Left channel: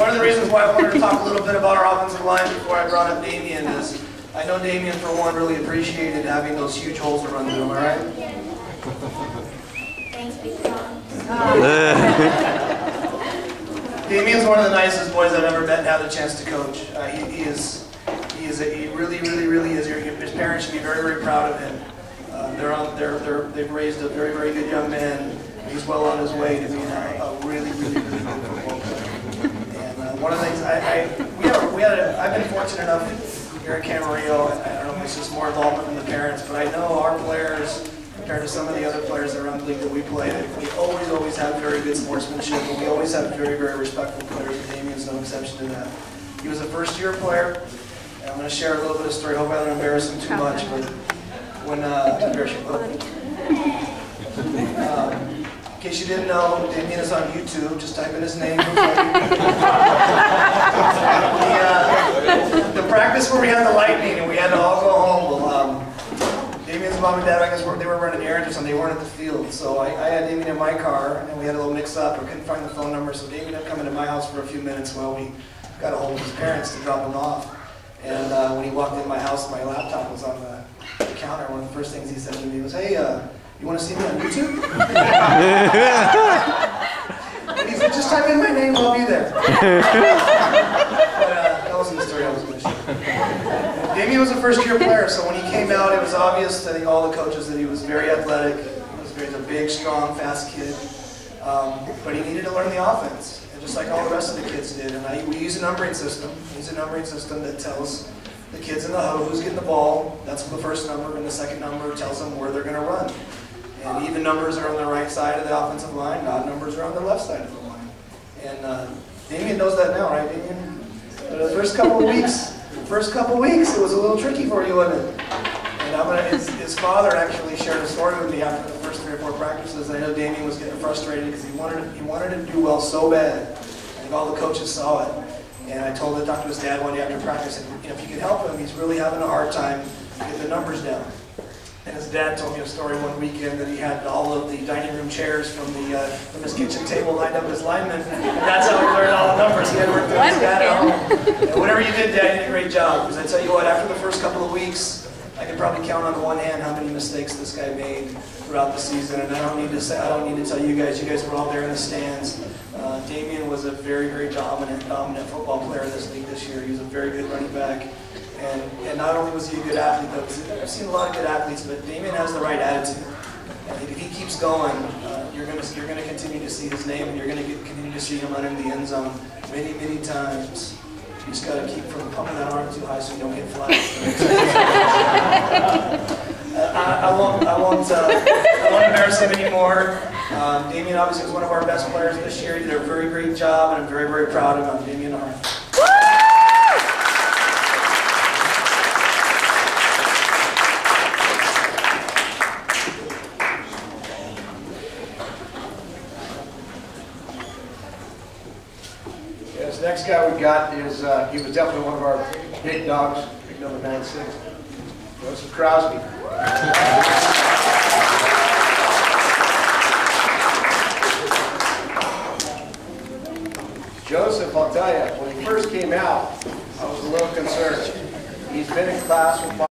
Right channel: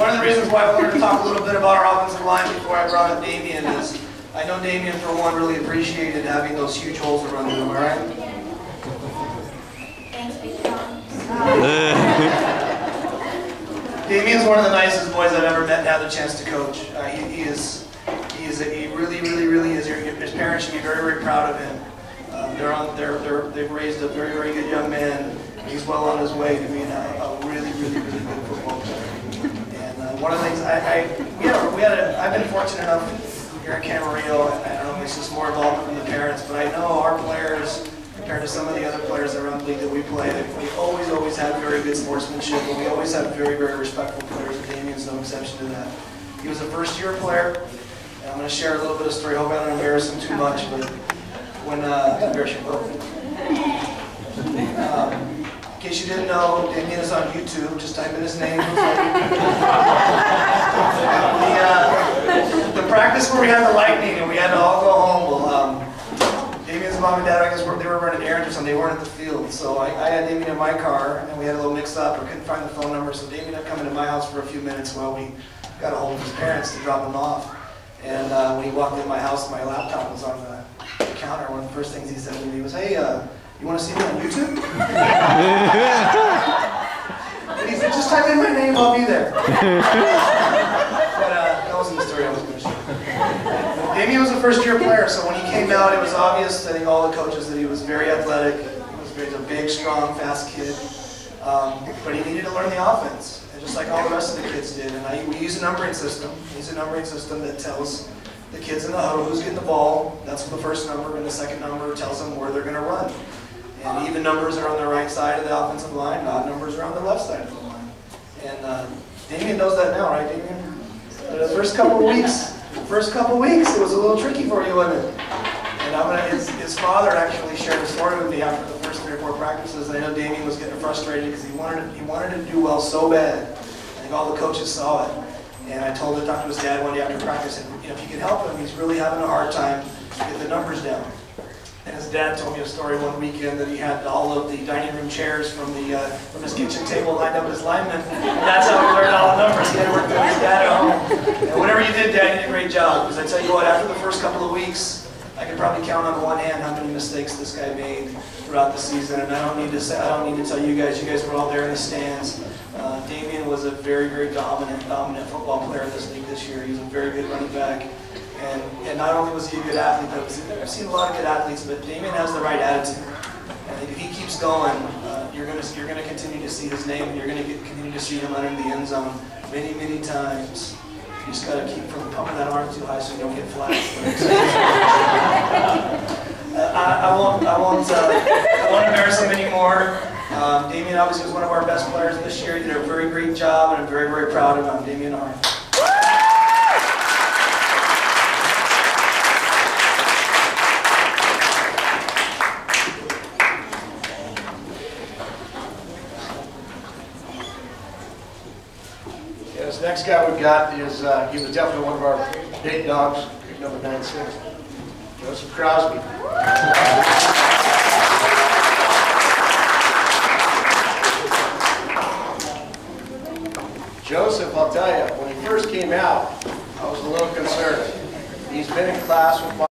One of the reasons why I wanted to talk a little bit about our offensive line before I brought up Damien is I know Damien, for one, really appreciated having those huge holes to run through, am I right? Thanks, Big Tom. Damien's one of the nicest boys I've ever met and had the chance to coach. He really is. His parents should be very, very proud of him. They've raised a very, very good young man. He's well on his way to being a really good football player. And one of the things I've been fortunate enough here at Camarillo. I don't know if it's just more involvement from the parents, but I know our players, compared to some of the other players around the league that we play, we always have very good sportsmanship, and we always have very, very respectful players, and Damien's no exception to that. He was a first-year player, and I'm going to share a little bit of story. I hope I don't embarrass him too much, but when in case you didn't know, Damien is on YouTube. Just type in his name. The practice where we had the lightning and we had to all go home. Well, Damien's mom and dad, I guess, they were running errands or something. They weren't at the field, so I had Damien in my car, and we had a little mix-up. I couldn't find the phone number, so Damien had come into my house for a few minutes while we got a hold of his parents to drop him off. And when he walked in my house, my laptop was on the counter. One of the first things he said to me was, "Hey, you want to see me on YouTube?" And he said, "Just type in my name, I'll be there." But that wasn't the story I was going to share. Damien was a first-year player, so when he came out, it was obvious, I think, all the coaches, that he was very athletic. He was a big, strong, fast kid. But he needed to learn the offense, and just like all the rest of the kids did. And we use a numbering system. We use a numbering system that tells the kids in the huddle who's getting the ball. That's the first number, and the second number tells them where they're going to run. And even numbers are on the right side of the offensive line, odd numbers are on the left side of the line. And Damien knows that now, right, Damien? But the first couple of weeks, it was a little tricky for you, wasn't it? And his father actually shared a story with me after the first 3 or 4 practices. And I know Damien was getting frustrated because he wanted to do well so bad. I think all the coaches saw it. And I talked to his dad one day after practice, and if you can help him, he's really having a hard time getting the numbers down. And his dad told me a story one weekend that he had all of the dining room chairs from his kitchen table lined up as linemen, and that's how he learned all the numbers. He had to work with his dad at home. And whatever you did, Dad, you did a great job. Because I tell you what, after the first couple of weeks, I could probably count on one hand how many mistakes this guy made throughout the season. And I don't need to tell you guys. You guys were all there in the stands. Damien was a very, very dominant football player in this league this year. He was a very good running back. And not only was he a good athlete, but I've seen a lot of good athletes, but Damien has the right attitude. I think if he keeps going, you're going to continue to see his name, and you're going to continue to see him under the end zone many, many times. You just got to keep from pumping that arm too high so you don't get flat. I won't embarrass him anymore. Damien obviously was one of our best players this year. He did a very great job, and I'm very, very proud of him. Damien R. This next guy we've got is, he was definitely one of our big dogs, number 96, Joseph Crosby. Joseph, I'll tell you, when he first came out, I was a little concerned. He's been in class with